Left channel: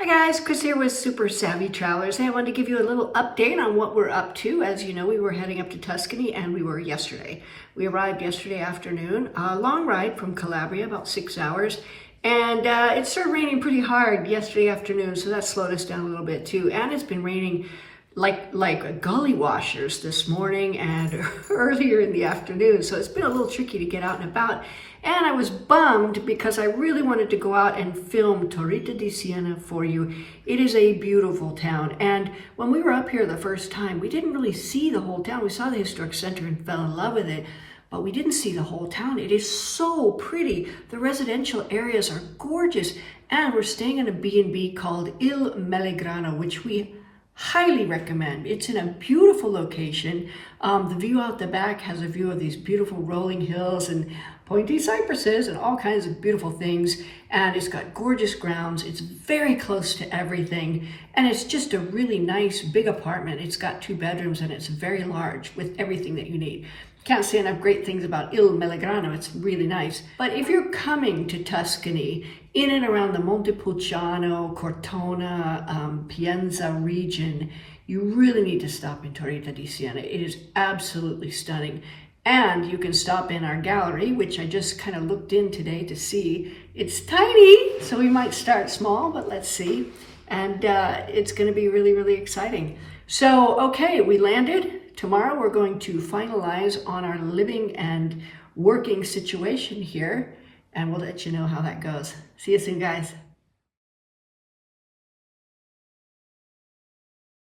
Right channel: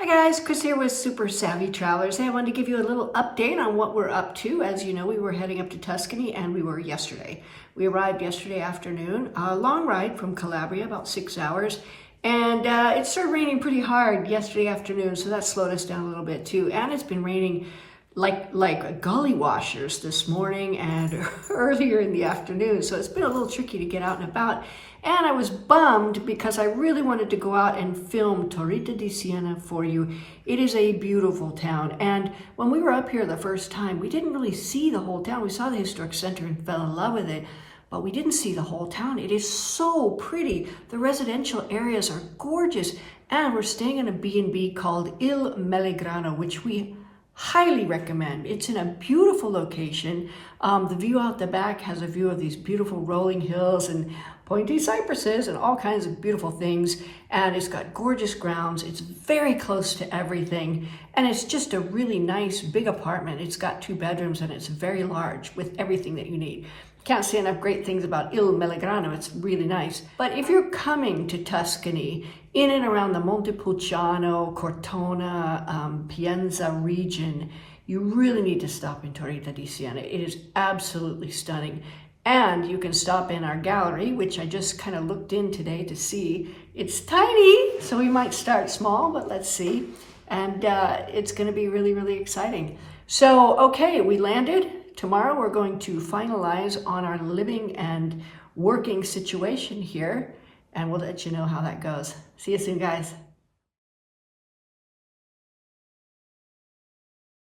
Hi guys, Chris here with Super Savvy Travelers. Hey, I wanted to give you a little update on what we're up to. As you know, we were heading up to Tuscany and we were yesterday. We arrived yesterday afternoon, a long ride from Calabria, about 6 hours. And it started raining pretty hard yesterday afternoon, so that slowed us down a little bit too. And it's been raining like gully washers this morning and earlier in the afternoon. So it's been a little tricky to get out and about. And I was bummed because I really wanted to go out and film Torrita di Siena for you. It is a beautiful town. And when we were up here the first time, we didn't really see the whole town. We saw the historic center and fell in love with it, but we didn't see the whole town. It is so pretty. The residential areas are gorgeous. And we're staying in a B&B called Il Melegrano, which we highly recommend. It's in a beautiful location. The view out the back has a view of these beautiful rolling hills and pointy cypresses and all kinds of beautiful things. And it's got gorgeous grounds. It's very close to everything. And it's just a really nice big apartment. It's got 2 bedrooms and it's very large with everything that you need. Can't say enough great things about Il Melegrano. It's really nice. But if you're coming to Tuscany, in and around the Montepulciano, Cortona, Pienza region, you really need to stop in Torrita di Siena. It is absolutely stunning. And you can stop in our gallery, which I just kind of looked in today to see. It's tiny, so we might start small, but let's see. And it's going to be really, really exciting. So, okay, we landed. Tomorrow we're going to finalize on our living and working situation here, and we'll let you know how that goes. See you soon, guys.